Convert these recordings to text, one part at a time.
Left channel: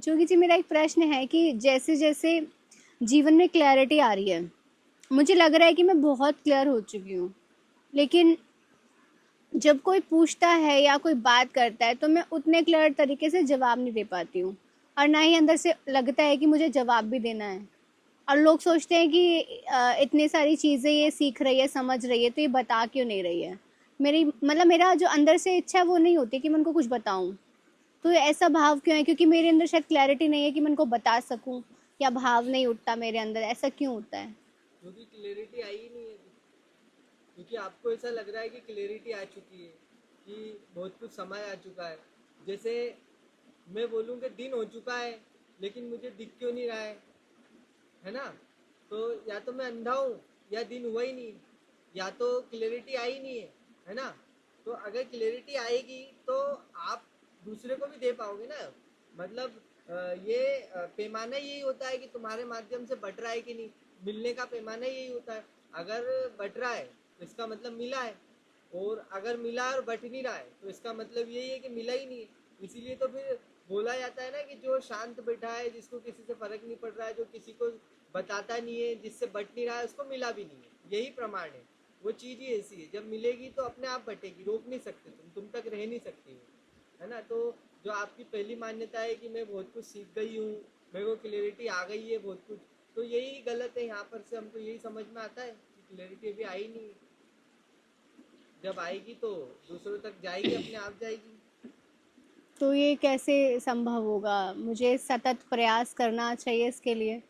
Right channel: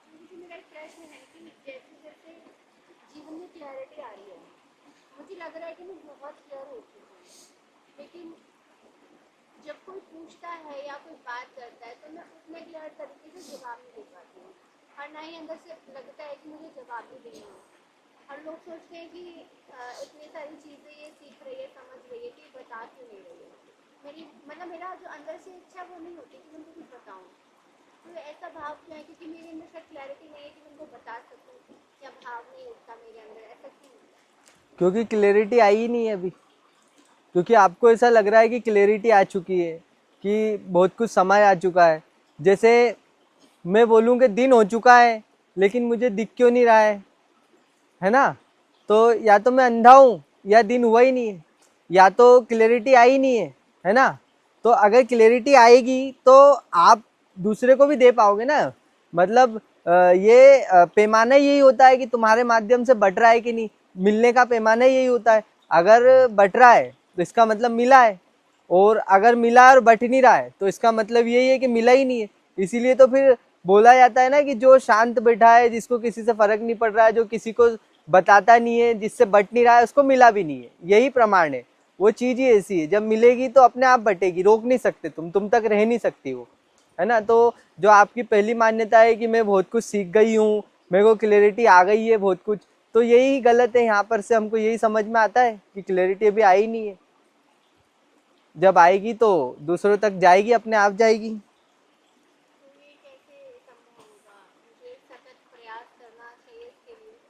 जोगी जी, मेरा एक प्रश्न है कि जैसे-जैसे जीवन में क्लैरिटी आ रही है, मुझे लग रहा है कि मैं बहुत क्लियर हो चुकी हूँ। लेकिन जब कोई पूछता है या कोई बात करता है, तो मैं उतने क्लियर तरीके से जवाब नहीं दे पाती हूँ और ना ही अंदर से लगता है कि मुझे जवाब भी देना है। और लोग सोचते हैं कि इतनी सारी चीज़ें ये सीख रही है, समझ रही है, तो ये बता क्यों नहीं रही है? मेरी मतलब मेरा जो अंदर से इच्छा है, वो नहीं होती कि मैं उनको कुछ बताऊँ। तो ऐसा भाव क्यों है? क्योंकि मेरे अंदर शायद क्लैरिटी नहीं है कि मैं उनको बता सकूं, या भाव नहीं उठता मेरे अंदर, ऐसा क्यों होता है? क्योंकि क्लैरिटी आई ही नहीं है अभी। क्योंकि आपको ऐसा लग रहा है कि क्लैरिटी आ चुकी है, कि बहुत कुछ समय आ चुका है। जैसे मैं बोलूँ कि दिन हो चुका है, लेकिन मुझे दिख क्यों नहीं रहा है ना? तो या तो मैं अंधा हूँ या दिन हुआ ही नहीं है, या तो क्लैरिटी आई नहीं है ना? तो अगर क्लैरिटी आएगी तो आप दूसरे को भी दे पाओगे ना। मतलब ये पैमाना यही होता है कि तुम्हारे माध्यम से बट रहा है कि नहीं। मिलने का पैमाना यही होता है। अगर बट रहा है तो इसका मतलब मिला है, और अगर मिला और बट नहीं रहा है तो इसका मतलब यही है कि मिला ही नहीं है। इसीलिए तो फिर बोला जाता है ना कि जो शांत बैठा है, जिसको किसी से फर्क नहीं पड़ रहा है, जो किसी को बताता नहीं है, जिससे बट नहीं रहा है, उसको मिला भी नहीं है। यही प्रमाण है। वो चीज ही ऐसी है, जब मिलेगी तो अपने आप बटेगी, रोक नहीं सकते तुम तक रह नहीं सकती वो, है ना? तो जो आपकी पहली मान्यता है कि मैं बहुत कुछ सीख गई हूँ, मेरे को क्लैरिटी आ गई है बहुत कुछ, तो यही गलत है। यहाँ पर से हमको यही समझ में आता है कि क्लैरिटी अभी आई नहीं है। जब आएगी तो दूसरों तक जाएगी, अपने आप जाएगी। तो ये कैसे संभव होगा? मुझे सतत प्रयास करना चाहिए इसके लिए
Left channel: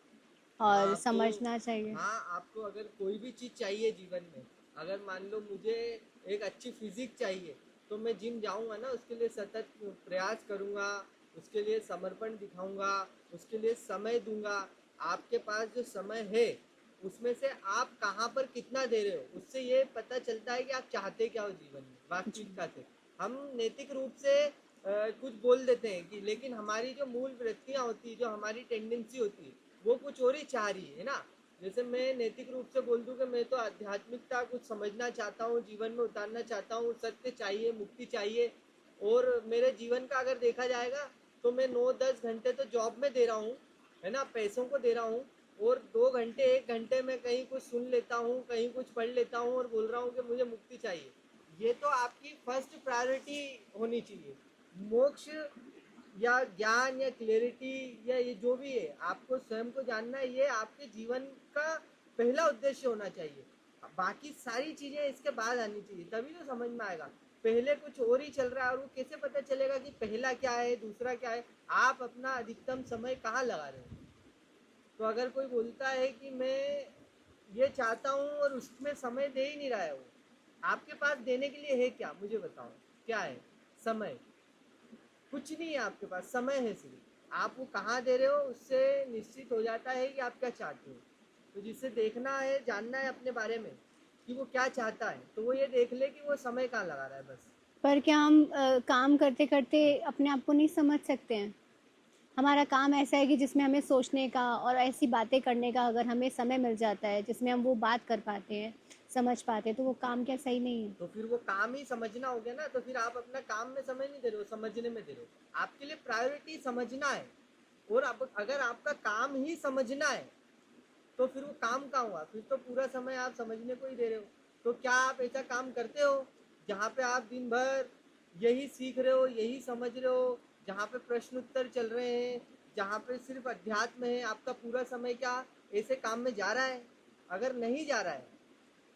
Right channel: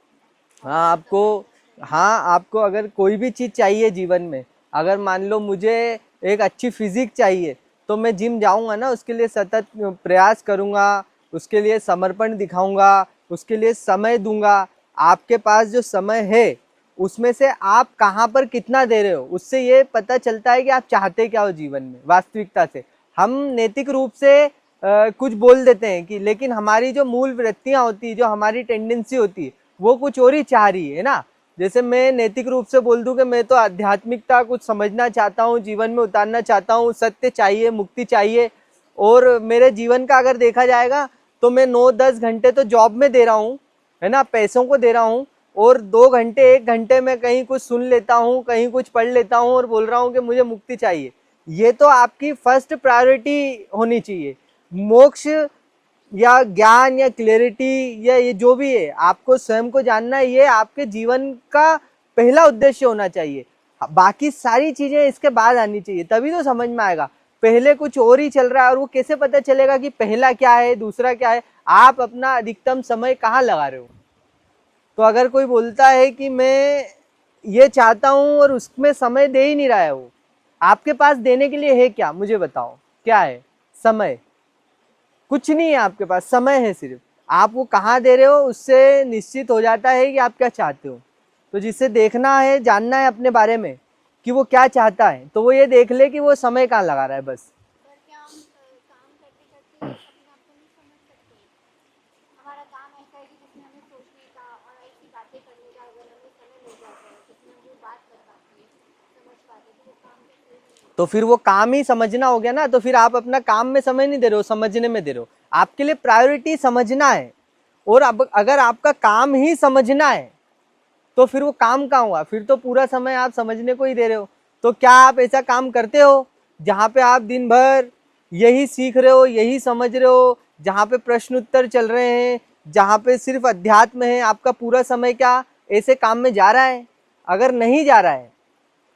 हाँ और आपको समझना चाहिए। हाँ आपको अगर कोई भी चीज़ चाहिए जीवन में, अगर मान लो मुझे एक अच्छी फिजिक चाहिए, तो मैं जिम जाऊंगा ना, उसके लिए सतत प्रयास करूंगा, उसके लिए समर्पण दिखाऊंगा, उसके लिए समय दूंगा। आपके पास जो समय है उसमें से आप कहाँ पर कितना दे रहे हो, उससे ये पता चलता है कि आप चाहते क्या हो जीवन में जी। वास्तविकता से। हम नैतिक रूप से कुछ बोल देते हैं कि, लेकिन हमारी जो मूल वृत्तियां होती है, जो हमारी टेंडेंसी होती है, वो कुछ और ही चाह रही है ना। जैसे मैं नैतिक रूप से बोल दूं कि मैं तो आध्यात्मिकता कुछ समझना चाहता हूँ, जीवन में उतारना चाहता हूँ, सत्य चाहिए, मुक्ति चाहिए, और मेरे जीवन का अगर देखा जाएगा तो मैं 9-10 घंटे तो जॉब में दे रहा हूँ, है ना, पैसों को दे रहा हूँ, और 2 घंटे 1 घंटे में कहीं कुछ सुन लेता हूँ, कहीं कुछ पढ़ लेता हूँ और बोल रहा हूँ कि मुझे मुक्ति चाहिए। ये तो आपकी फर्स्ट प्रायोरिटी होनी चाहिए। मोक्ष या ज्ञान या क्लैरिटी या ये जो भी है, आपको स्वयं को जानना है, ये आपके जीवन का पहला उद्देश्य होना चाहिए। बाकी सारी चीजें इसके बाद आनी चाहिए, तभी तो समझ में आएगा। पहले कुछ और ही चल रहा है, और वो कैसे पता चलेगा कि पहला क्या है दूसरा क्या है? आप अपना अधिकतम समय कहाँ लगा रहे हो? तो अगर कोई बोलता है कि मैं ये चाहता हूं और उसमें समय दे ही नहीं रहा है, वो आपके पास देने के लिए है क्या? मुझे बताओ, क्या है? समय। कुछ नहीं है आपके पास, समय है सिर्फ। आप वो कहाँ दे रहे हो उससे निश्चित हो जाता है कि आप क्या चाहते हो। तो जिसे देखना है, जानना है अपने बारे में कि वो क्या चाहता है, तो वो ये देख ले कि वो समय कहाँ लगा रहा है बस। पर क्या हम काम करते करते अपने आप को नहीं समझ सकते हैं? हमारा काम ऐसा है कि जिसमें हमें सोचने का और ऐसी बातें करने का अगर हमें समय मिल जाता है, जिसमें हम वो बात कर पाते हैं, समझ पाते हैं, तो वो काम क्या सही नहीं है? तो फिर वो काम ही समझना हो गया ना। तो फिर आप अपना काम में समय नहीं दे रहे हो, समझने में दे रहे हो। आपके लिए प्रायोरिटी समझना है, और अब अगर आपका काम ही समझना है तो फिर वो काम कहाँ हुआ? फिर तो पूरा समय आप समझने को ही दे रहे हो। तो क्या आप ऐसा काम करते हो जहाँ पे आप दिन भर यही सीख रहे हो, यही समझ रहे हो, जहाँ पे प्रश्न उत्तर चल रहे हैं, जहाँ पे सिर्फ अध्यात्म है, आपका पूरा समय क्या ऐसे काम में जा रहा है? अगर नहीं जा रहा है,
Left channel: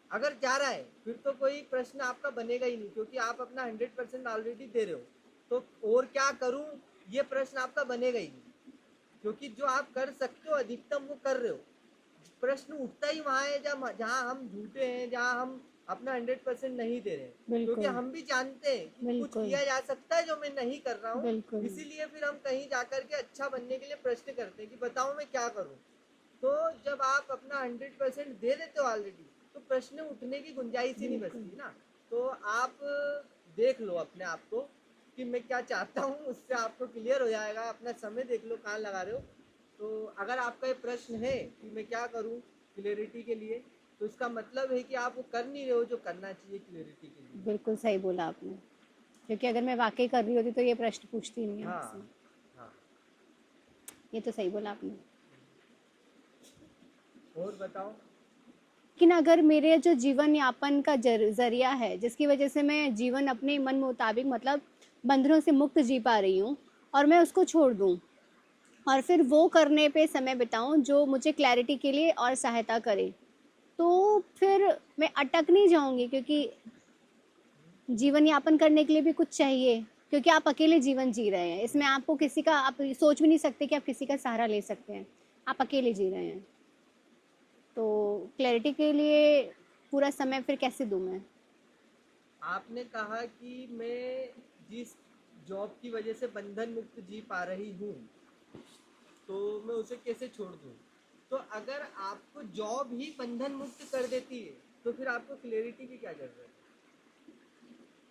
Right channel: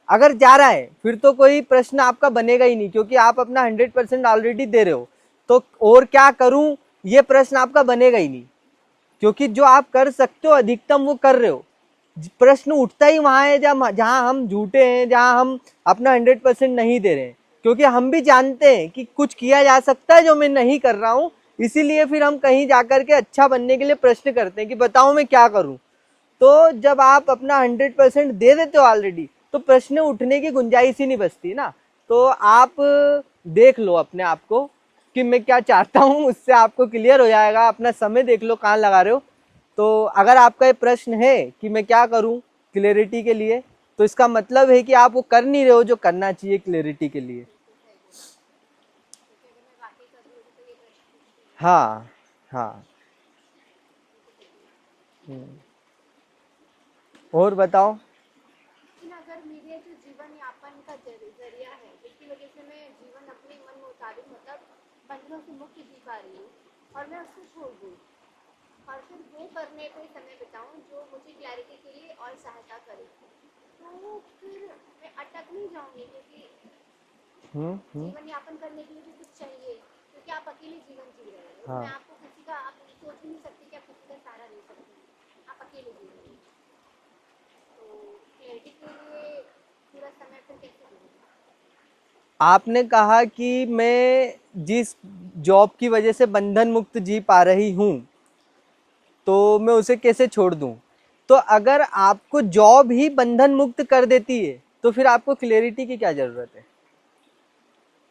अगर जा रहा है, फिर तो कोई प्रश्न आपका बनेगा ही नहीं, क्योंकि आप अपना 100% ऑलरेडी दे रहे हो। तो और क्या करूं, ये प्रश्न आपका बनेगा ही नहीं, क्योंकि जो आप कर सकते हो अधिकतम वो कर रहे हो। प्रश्न उठता ही वहां है जहां हम झूठे हैं, जहां हम अपना 100% नहीं दे रहे हैं। क्योंकि बिल्कुल। हम भी जानते हैं कि कुछ बिल्कुल। किया जा सकता है जो मैं नहीं कर रहा हूँ। बिल्कुल। इसीलिए फिर हम कहीं जाकर के अच्छा बनने के लिए प्रश्न करते हैं कि बताओ मैं क्या करूं। तो जब आप अपना 100% दे देते हो ऑलरेडी, तो प्रश्न उठने की गुंजाइश ही नहीं बिल्कुल। बचती ना। तो आप देख लो अपने आप को कि मैं क्या चाहता हूँ, उससे आपको क्लियर हो जाएगा। अपना समय देख लो कहाँ लगा रहे हो। तो अगर आपका ये प्रश्न है कि मैं क्या करूँ क्लैरिटी के लिए, तो इसका मतलब है कि आप वो कर नहीं रहे हो जो करना चाहिए क्लैरिटी के लिए। बिल्कुल सही बोला आपने। क्योंकि अगर मैं वाकई कर रही होती तो ये प्रश्न पूछती नहीं आपसे। हाँ हाँ। ये तो सही बोला आपने। और बताओ। लेकिन अगर मेरे जो जीवन यापन का जरिया है, जिसकी वजह से मैं जीवन अपने मन मुताबिक मतलब बंधनों से मुक्त जी पा रही हूँ, और मैं उसको छोड़ दूँ और फिर वो करने पे समय बिताऊँ जो मुझे क्लैरिटी के लिए और सहायता करे, तो फिर मैं अटक नहीं जाऊंगी, क्योंकि जीवन यापन करने के लिए भी कुछ चाहिए, क्योंकि आप अकेले जीवन जी रहे हैं, इसमें हाँ, आपको किसी का, आप सोच भी नहीं सकते कि आप किसी का सहारा ले सकते हैं, आप अकेले जी रहे हैं। तो क्लैरिटी के लिए पूरा समय फिर कैसे दूं मैं? आपने कहा कि मैं जिस जॉब की वजह से बंधन मुक्त जी पा रही हूँ तो मैं उसे कैसे छोड़ दूं। तो अगर आपको जॉब ही बंधन मुक्त कर देती है तो फिर आपको क्लैरिटी की क्या जरूरत है?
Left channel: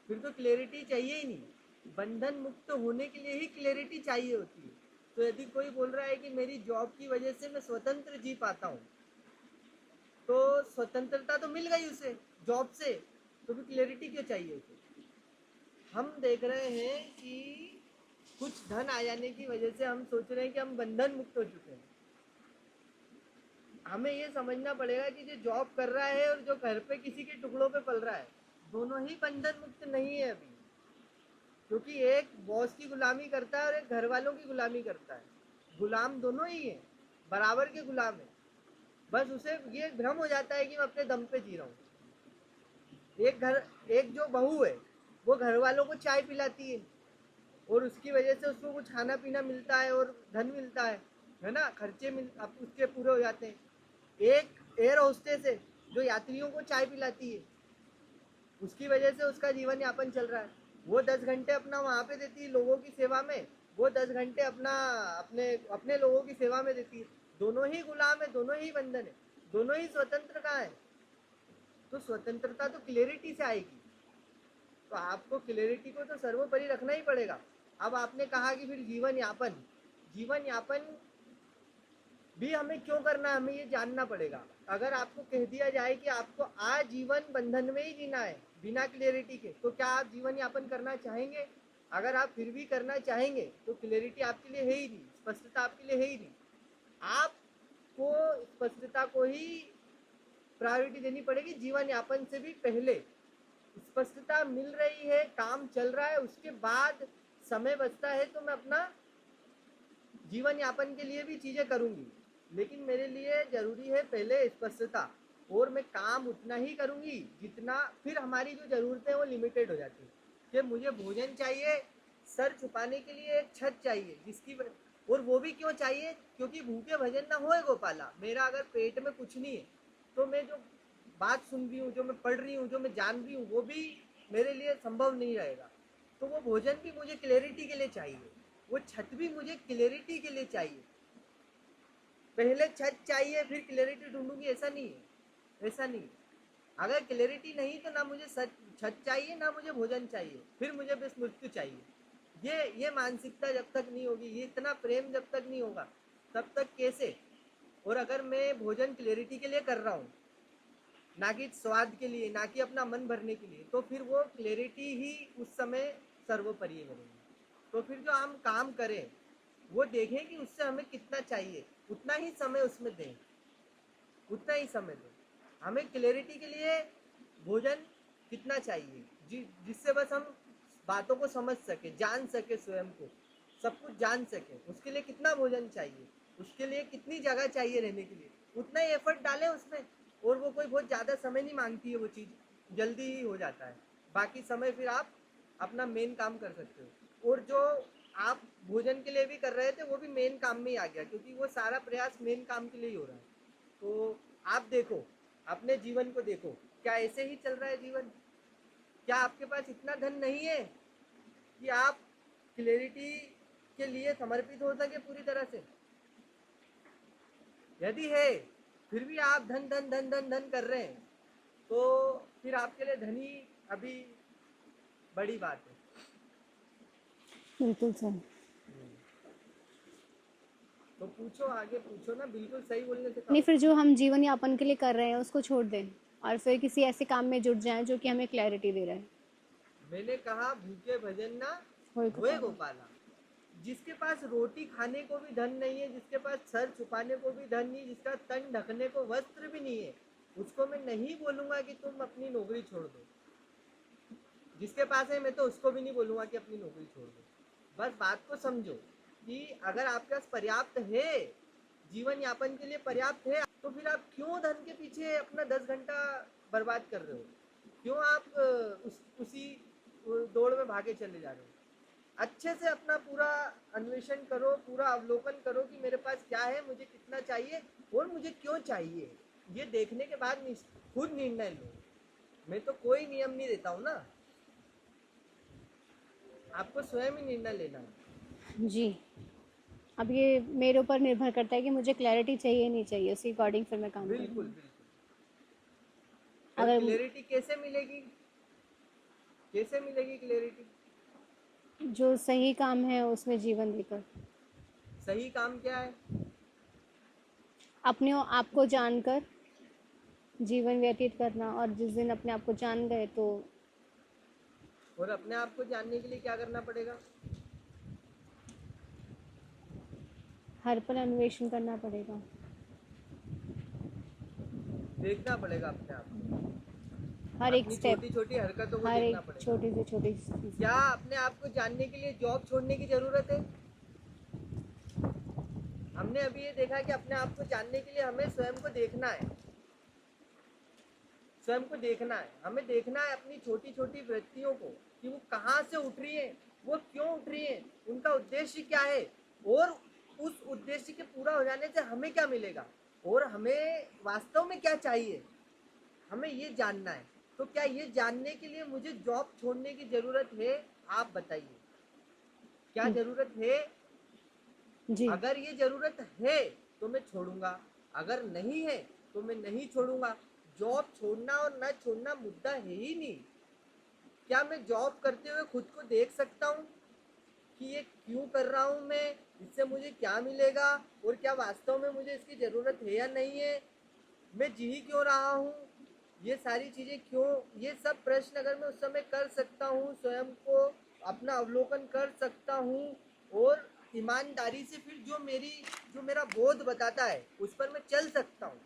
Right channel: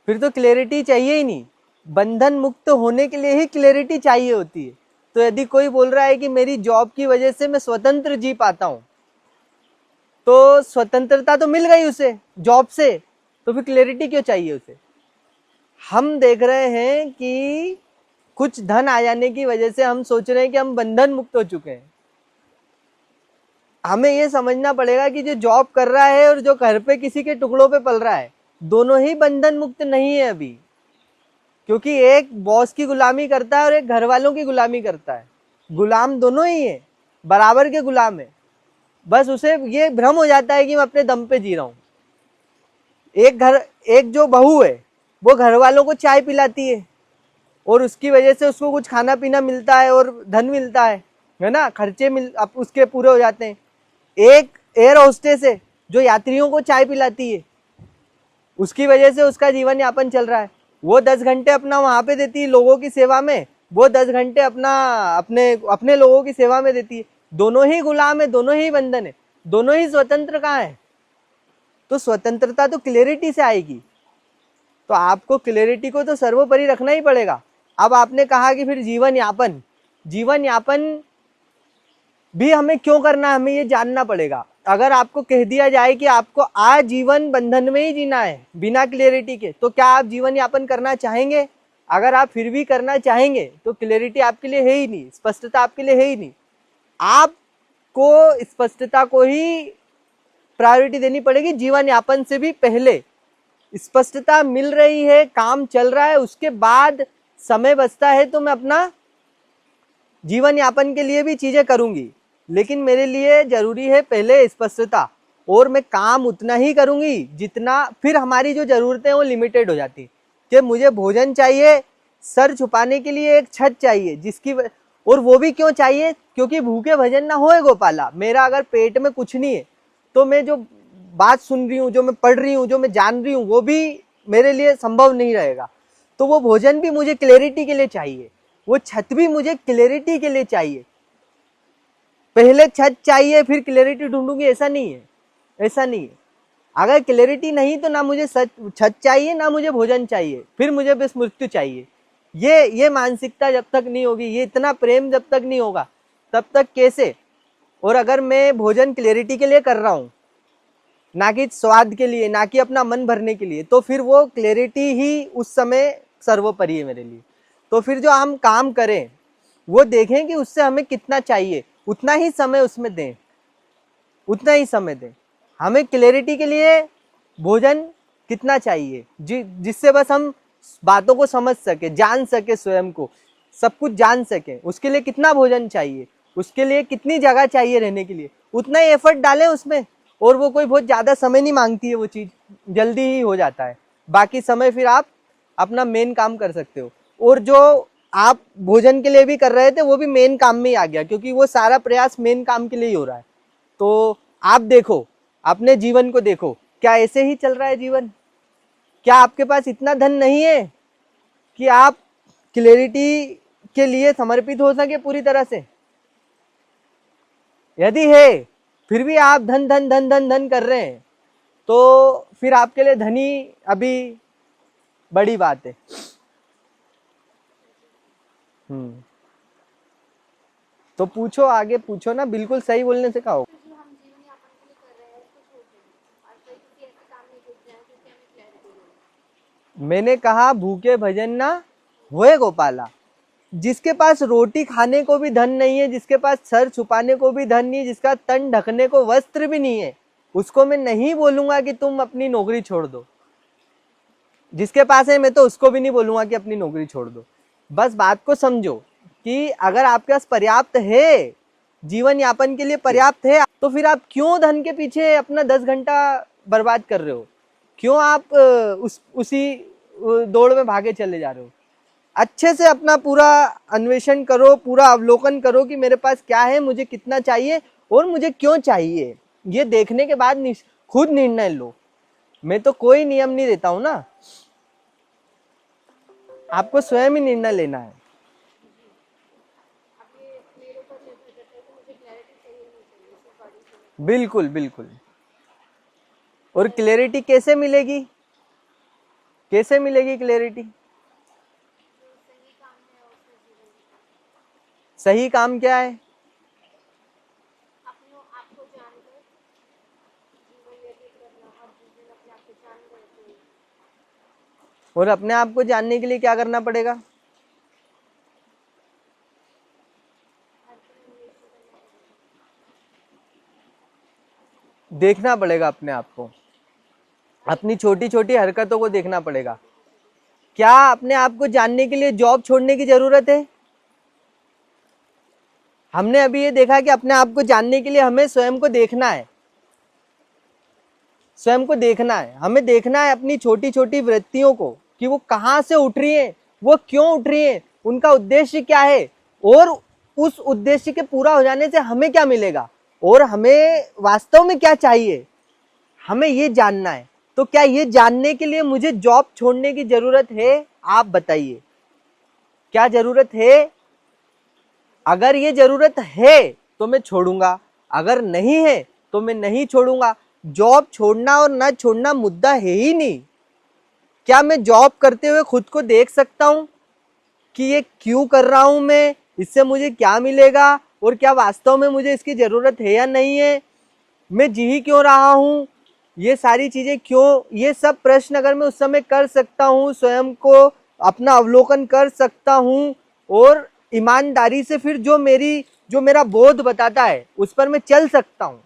फिर तो क्लैरिटी चाहिए ही नहीं। बंधन मुक्त होने के लिए ही क्लैरिटी चाहिए होती है। तो यदि कोई बोल रहा है कि मेरी जॉब की वजह से मैं स्वतंत्र जी पाता हूँ, तो स्वतंत्रता तो मिल गई उसे जॉब से, तो फिर क्लैरिटी क्यों चाहिए उसे? हम देख रहे हैं कि कुछ धन आ जाने की वजह से हम सोच रहे हैं कि हम बंधन मुक्त हो चुके हैं। हमें ये समझना पड़ेगा कि जो जॉब कर रहा है और जो घर पे किसी के टुकड़ों पे पल रहा है, दोनों ही बंधन मुक्त नहीं है अभी। क्योंकि एक बॉस की गुलामी करता है और एक घर वालों की गुलामी करता है। गुलाम दोनों ही है, बराबर के गुलाम है। बस उसे ये भ्रम हो जाता है कि मैं अपने दम पे जी रहा हूँ। एक जो बहू है वो घर वालों को चाय पिलाती है और उसकी वजह से उसको कुछ खाना पीना मिलता है और धन मिलता है ना, खर्चे उसके पूरे हो जाते हैं। एक एयर होस्टेस है जो यात्रियों को चाय पिलाती है, उसकी वजह से उसका जीवन यापन चल रहा है। वो 10 घंटे अपना वहां पे देती है लोगों की सेवा में, वो 10 घंटे अपना अपने अपने लोगों की सेवा में देती है। दोनों ही गुलाम है, दोनों ही बंधन है, दोनों ही स्वतंत्र कहाँ है? तो स्वतंत्रता तो क्लैरिटी से आएगी। तो आपको क्लैरिटी को तो सर्वोपरि रखना ही पड़ेगा। अब आपने कहा कि फिर जीवन यापन, जीवन यापन भी हमें क्यों करना है, हमें ये जानना पड़ेगा। अगर आपको कह दिया जाए कि आपको आजीवन बंधन में ही जीना है बिना क्लैरिटी के, तो क्या आप जीवन यापन करना चाहेंगे? अगर आप फिर भी करना चाहेंगे तो क्लैरिटी आपके लिए है ही नहीं, स्पष्टता आपके लिए है ही नहीं। आपको स्पष्टता को ही प्रायोरिटी देनी पड़ेगी जीवन यापन से भी पहले। स्पष्टता मिल रही है, काम चल रहा है, उसके बाद समय बचता है तो मैं अपना जीवन यापन के लिए भी चीजें करूंगी, लेकिन मेरे लिए जरूरी है पहले स्पष्टता। और मैं काम उतना ही करूंगी जितना, फिर हमारी जो जरूरतें वो लिमिटेड हो जाती कि मुझे भोजन चाहिए, सर छुपाने के लिए एक छत चाहिए और वो भी क्यों चाहिए? क्योंकि भूखे भजन ना होए गोपाला। मेरा अगर पेट में कुछ नहीं है तो मैं जो बात सुन रही हूँ, जो मैं पढ़ रही हूँ, जो मैं जान रही हूँ, वो भी मेरे लिए संभव नहीं रहेगा। तो वो भोजन भी मुझे क्लैरिटी के लिए चाहिए, वो छत भी मुझे क्लैरिटी के लिए चाहिए। पहले छत चाहिए फिर क्लैरिटी ढूंढूंगी, ऐसा नहीं है, ऐसा नहीं है। अगर क्लैरिटी नहीं तो ना मुझे छत चाहिए, ना मुझे भोजन चाहिए, फिर मुझे बस मृत्यु चाहिए। ये मानसिकता जब तक नहीं होगी, ये इतना प्रेम जब तक नहीं होगा, तब तक कैसे? और अगर मैं भोजन क्लैरिटी के लिए कर रहा हूँ, ना कि स्वाद के लिए, ना कि अपना मन भरने के लिए, तो फिर वो क्लैरिटी ही उस समय सर्वोपरि है मेरे लिए। तो फिर जो हम काम करें वो देखें कि उससे हमें कितना चाहिए, उतना ही समय उसमें दें, उतना ही समय दें। हमें क्लैरिटी के लिए भोजन कितना चाहिए जिससे बस हम बातों को समझ सके, जान सके, स्वयं को सब कुछ जान सके, उसके लिए कितना भोजन चाहिए, उसके लिए कितनी जगह चाहिए रहने के लिए, उतना ही एफर्ट डालें उसमें। और वो कोई बहुत ज़्यादा समय नहीं मांगती है, वो चीज़ जल्दी ही हो जाता है। बाकी समय फिर आप अपना मेन काम कर सकते हो। और जो आप भोजन के लिए भी कर रहे थे वो भी मेन काम में ही आ गया, क्योंकि वो सारा प्रयास मेन काम के लिए ही हो रहा है। तो आप देखो, अपने जीवन को देखो, क्या ऐसे ही चल रहा है जीवन? क्या आपके पास इतना धन नहीं है कि आप क्लैरिटी के लिए समर्पित हो सके पूरी तरह से? यदि है, फिर भी आप धन धन धन धन धन कर रहे हैं, तो फिर आपके लिए धनी अभी बड़ी बात है। बिल्कुल सर। तो पूछो, आगे पूछो ना, बिल्कुल सही बोलने से नहीं, कहो। फिर जो हम जीवन यापन के लिए कर रहे हैं उसको छोड़ दें और फिर किसी ऐसे काम में जुट जाएं जो कि हमें क्लैरिटी दे रहा है। मैंने कहा भूखे भजन ना होए होए गोपाल। गोपाला। जिसके पास रोटी खाने को भी धन नहीं है, जिसके पास सर छुपाने को भी धन नहीं है, जिसका तन ढकने को वस्त्र भी नहीं है, उसको मैं नहीं बोलूंगा कि तुम अपनी नौकरी छोड़ दो। जिसके पास है मैं तो उसको भी नहीं बोलूंगा कि अपनी नौकरी छोड़ दो। बस बात को समझो कि अगर आपके पास पर्याप्त है, जीवन यापन के लिए पर्याप्त है, तो फिर आप क्यों धन के पीछे अपना 10 घंटा बर्बाद कर रहे हो? क्यों आप उसी दौड़ में भागे चले जा रहे हो? अच्छे से अपना पूरा अन्वेषण करो, पूरा अवलोकन करो कि मेरे पास क्या है, मुझे कितना चाहिए और मुझे क्यों चाहिए। ये देखने के बाद खुद निर्णय लो। मैं तो कोई नियम नहीं देता हूं ना, आपको स्वयं ही निर्णय लेना है। जी, अब ये मेरे ऊपर निर्भर करता है कि मुझे क्लैरिटी चाहिए नहीं चाहिए, उसी अकॉर्डिंग फिर मैं काम करूँ। बिल्कुल बिल्कुल। और अगर क्लैरिटी कैसे मिलेगी? कैसे मिलेगी क्लैरिटी? जो सही काम है उसमें जीवन देकर, सही काम क्या है? अपने आप को जानकर जीवन व्यतीत करना, और जिस दिन अपने आप को जान गए तो और अपने आप को जानने के लिए क्या करना पड़ेगा? हर पल अन्वेषण करना पड़ेगा। देखना पड़ेगा अपने आप को, हर एक अपनी स्टेप, छोटी छोटी हरकतों को हर देखना एक पड़ेगा। छोटी से छोटी चीज़। क्या अपने आप को जानने के लिए जॉब छोड़ने की जरूरत है? हमने अभी ये देखा कि अपने आप को जानने के लिए हमें स्वयं को देखना है। स्वयं को देखना है, हमें देखना है अपनी छोटी छोटी वृत्तियों को कि वो कहाँ से उठ रही है, वो क्यों उठ रही है, उनका उद्देश्य क्या है, और उस उद्देश्य के पूरा हो जाने से हमें क्या मिलेगा, और हमें वास्तव में क्या चाहिए, हमें ये जानना है। तो क्या ये जानने के लिए मुझे जॉब छोड़ने की जरूरत है? आप बताइए, क्या जरूरत है? जी, अगर ये जरूरत है तो मैं छोड़ूंगा, अगर नहीं है तो मैं नहीं छोड़ूंगा। जॉब छोड़ना और ना छोड़ना मुद्दा है ही नहीं। क्या मैं जॉब करते हुए खुद को देख सकता हूं कि ये क्यों कर रहा हूं मैं, इससे मुझे क्या मिलेगा, और क्या वास्तव में मुझे इसकी जरूरत है या नहीं है, मैं जी ही क्यों रहा हूं, ये सारी चीजें क्यों, ये सब प्रश्न अगर मैं उस समय कर सकता हूं, स्वयं को अपना अवलोकन कर सकता हूं, और ईमानदारी से फिर जो मेरा बोध बताता है उस पर मैं चल सकता हूं,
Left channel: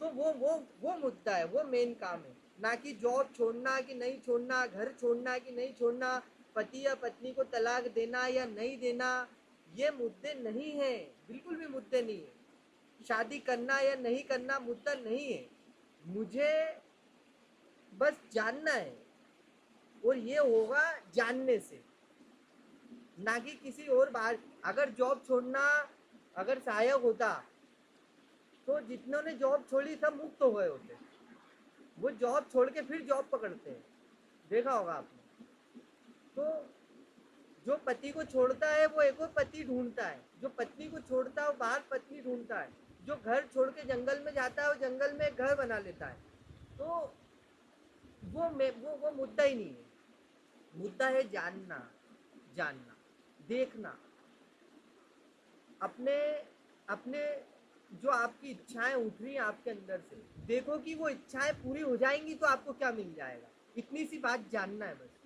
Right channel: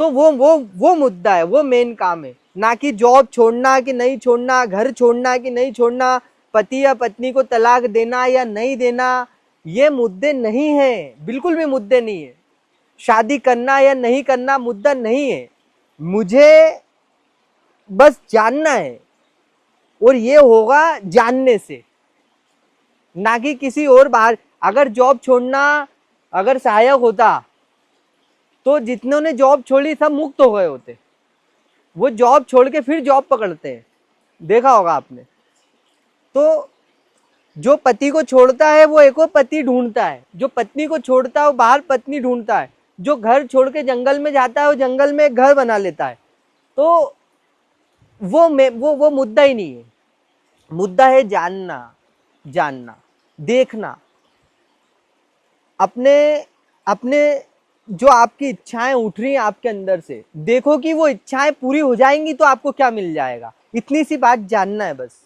तो वो मुद्दा है, वो मेन काम है। ना कि जॉब छोड़ना कि नहीं छोड़ना, घर छोड़ना कि नहीं छोड़ना, पति या पत्नी को तलाक देना या नहीं देना, ये मुद्दे नहीं है, बिल्कुल भी मुद्दे नहीं है। शादी करना या नहीं करना मुद्दा नहीं है। मुझे बस जानना है, और ये होगा जानने से, ना कि किसी और बाहर। अगर जॉब छोड़ना अगर सहायक होता तो जितनों ने जॉब छोड़ी सब मुक्त हो गए होते। वो जॉब छोड़ के फिर जॉब पकड़ते हैं, देखा होगा आपने। तो जो पति को छोड़ता है वो एक और पति ढूंढता है, जो पत्नी को छोड़ता है वो बाहर पत्नी ढूंढता है, जो घर छोड़ के जंगल में जाता है वो जंगल में एक घर बना लेता है। तो वो मुद्दा ही नहीं है। मुद्दा है जानना, जानना, देखना, अपने अपने जो आपकी इच्छाएं उठ रही हैं आपके अंदर से, देखो कि वो इच्छाएं पूरी हो जाएंगी तो आपको क्या मिल जाएगा। इतनी सी बात जानना है बस,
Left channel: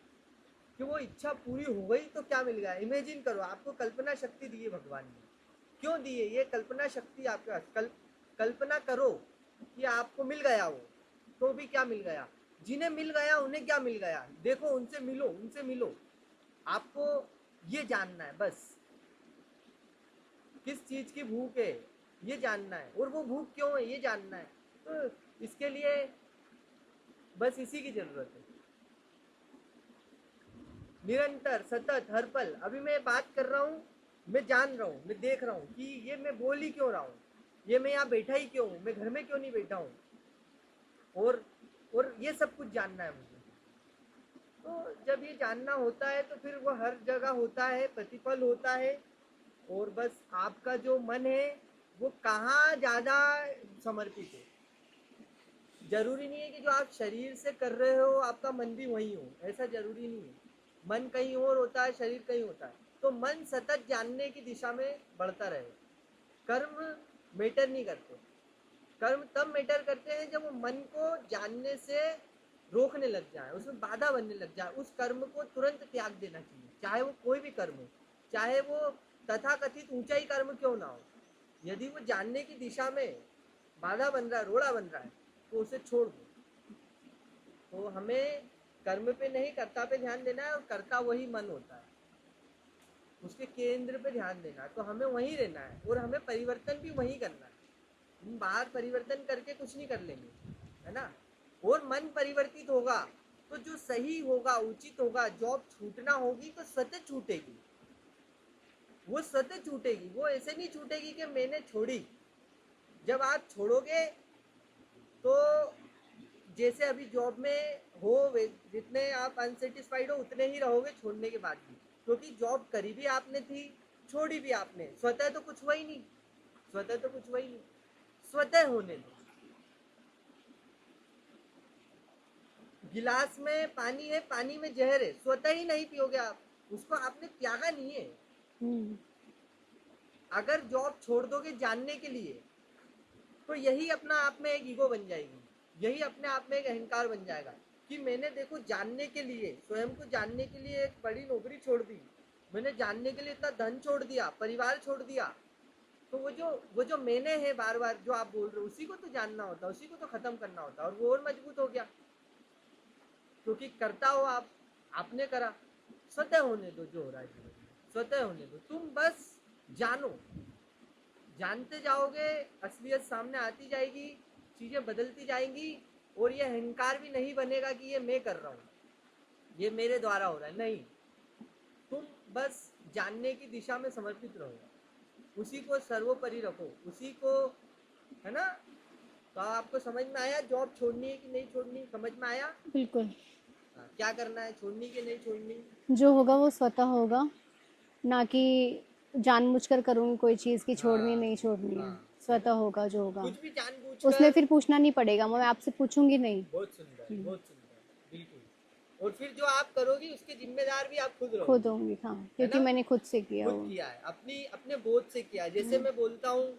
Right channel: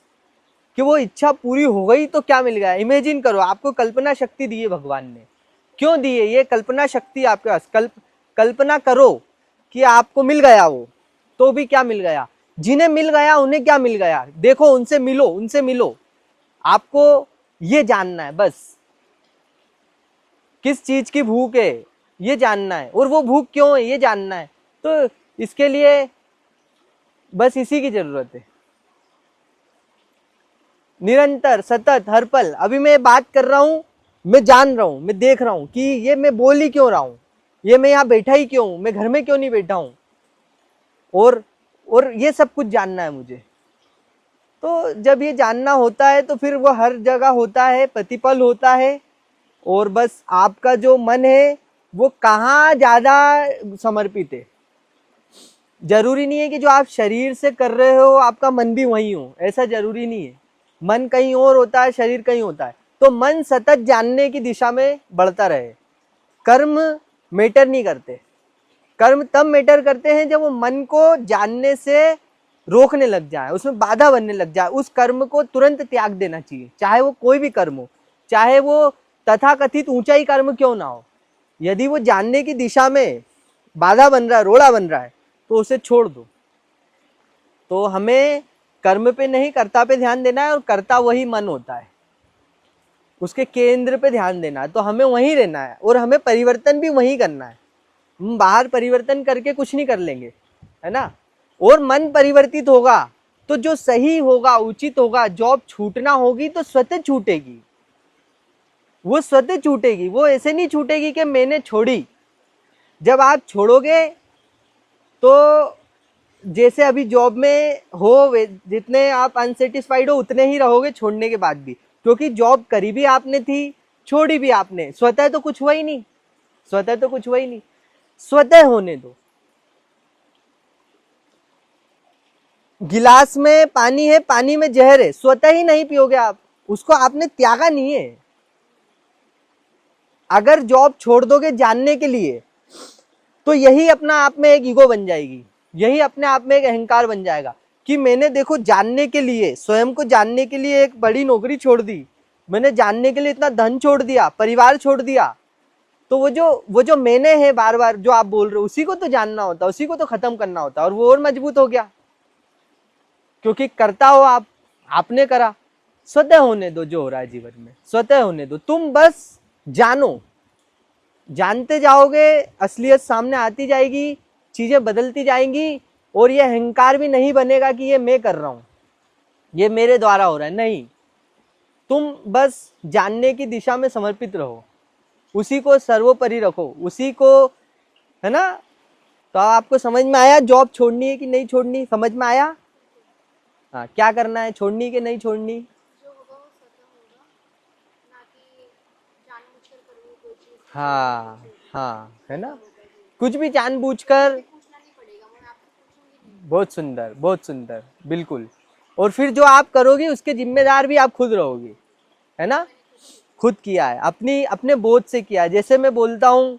कि वो इच्छा पूरी हो गई तो क्या मिल गया। इमेजिन करो, आपको कल्पना शक्ति दी है भगवान ने। क्यों दी है ये कल्पना शक्ति आपके पास? कल्पना करो कि आपको मिल गया वो, तो भी क्या मिल गया। जिन्हें मिल गया उन्हें क्या मिल गया, देखो, उनसे मिलो, उनसे मिलो। आपको ये जानना है बस, किस चीज की भूख है ये जानना है, और वो भूख क्यों है ये जानना है। तो इसके लिए बस इसी की जरूरत है, निरंतर, सतत, हर पल। अभी मैं बात कर रहा हूं, मैं जान रहा हूं, मैं देख रहा हूं कि ये मैं बोल ही क्यों रहा हूं, ये मैं यहाँ बैठा ही क्यों हूं, मैं घर में क्यों नहीं बैठा हूं, और ये सब कुछ जानना है मुझे। तो जब ये जानना होता है तो फिर वो हर जगह होता है, प्रतिपल होता है। और बस आपका जो मन है वो कहाँ ज्यादा समर्पित है। जरूरी नहीं है कि जो आप शरीर से कर रहे हो आपका मन भी वहीं हो, ऐसा जरूरी नहीं है। मन कहीं और होता है, शरीर कहीं होता है। तो मन सतत जानने की दिशा में बढ़ता रहे। कर्म मैटर नहीं करते। कर्म तब मैटर करते हैं जब वो मन को जानने से रोकने लग जाए, उसमें बाधा बनने लग जाए। उस कर्म को तुरंत त्याग देना चाहिए, चाहे वो कोई भी कर्म हो। चाहे वो तथाकथित ऊंचा ही कर्म क्यों ना हो, यदि वो जानने की दिशा में बाधा बन रहा है, रोड़ा बन रहा है, तो उसे छोड़ दो। तो हमें कर्म पे नहीं, कर्ता पे ध्यान देना है, और कर्ता वही मन होता है, उसके केंद्र पे ध्यान देना है। तो हमें वहीं रहना है और हमें परिवर्तन भी वहीं करना है। हम बाहर परिवर्तन करके कुछ नहीं कर लेंगे, है ना। और मन परिवर्तित होगा तो जो सही होगा, उचित होगा, जॉब छूटना होगी तो स्वतः छूटेगी, वो स्वतः छूटेगी। वो ऐसे नहीं छूटेगी कि मैंने छोड़ी। जब आप छोड़ोगे तो जैसे अभी जॉब में हो, जितने आप अनसेटिस्फाइड हो उतने ही रहोगे छोड़ने के बाद भी, क्योंकि जॉब करी भी आपने थी, छोड़ी भी आपने, स्वतः तो कुछ हुआ ही नहीं, स्वतः तो कुछ हुआ ही नहीं। स्वतः होने दो। गिलास में पानी है, पानी में जहर है, स्वतः ही नहीं पियोगे आप, उसको आपने त्यागा नहीं है। अगर जॉब छोड़ दोगे जानने के लिए, तो यही अपना आप में एक ईगो बन जाएगी, यही अपने आप में एक अहंकार बन जाएगा कि मैंने देखो जानने के लिए, स्वयं को जानने के लिए एक बड़ी नौकरी छोड़ दी, मैंने जानने के लिए इतना धन छोड़ दिया, परिवार छोड़ दिया। तो वो जो मैंने है बार बार जो आप बोल रहे हो, उसी को तो जानना होता, उसी को तो खत्म करना होता, और वो और मजबूत हो गया, क्योंकि करता हो आप, आपने करा। स्वतः होने दो जो हो रहा है जीवन में, स्वतः होने दो। तुम बस जानो, जानते जाओगे, असलियत सामने आती जाएगी, चीजें बदलती जाएंगी, और ये अहंकार भी नहीं बनेगा कि ये मैं कर रहा हूं, ये मेरे द्वारा हो रहा है। नहीं, तुम बस जानने की दिशा में समर्पित रहो, उसी को सर्वोपरि रखो, उसी को, है ना। तो आपको समझ में आया जॉब छोड़नी है कि नहीं छोड़नी, समझ में आया? बिल्कुल। हाँ, क्या करना है, छोड़नी कि नहीं छोड़नी? जो होगा वो स्वतः होगा, ना कि जानबूझकर करूंगी कोई चीज की छोड़नी नहीं हाँ छोड़नी। हाँ, है स्वतः ना। होगा जो होगा, कुछ भी उसमें जानबूझकर। फिर पूछना नहीं पड़ेगा, मैं आपसे पूछूंगी नहीं। बहुत सुंदर, बहुत सुंदर, बिल्कुल। और फिर जो आप करोगे उसके जिम्मेदार भी आप खुद खुद रहोगे, होंगी, हाँ, है क्योंकि ना। मैंने खुद से किया खुद वो। किया है, अपनी अपने बोध से किया है। जैसे मैं बोलता हूँ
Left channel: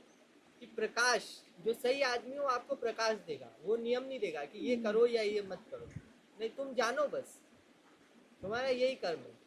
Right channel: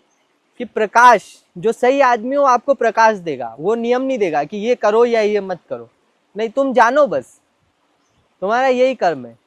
कि प्रकाश, जो सही आदमी हो आपको प्रकाश देगा, वो नियम नहीं देगा कि ये करो या ये मत करो, नहीं, तुम जानो बस, तुम्हारा यही कर्म है।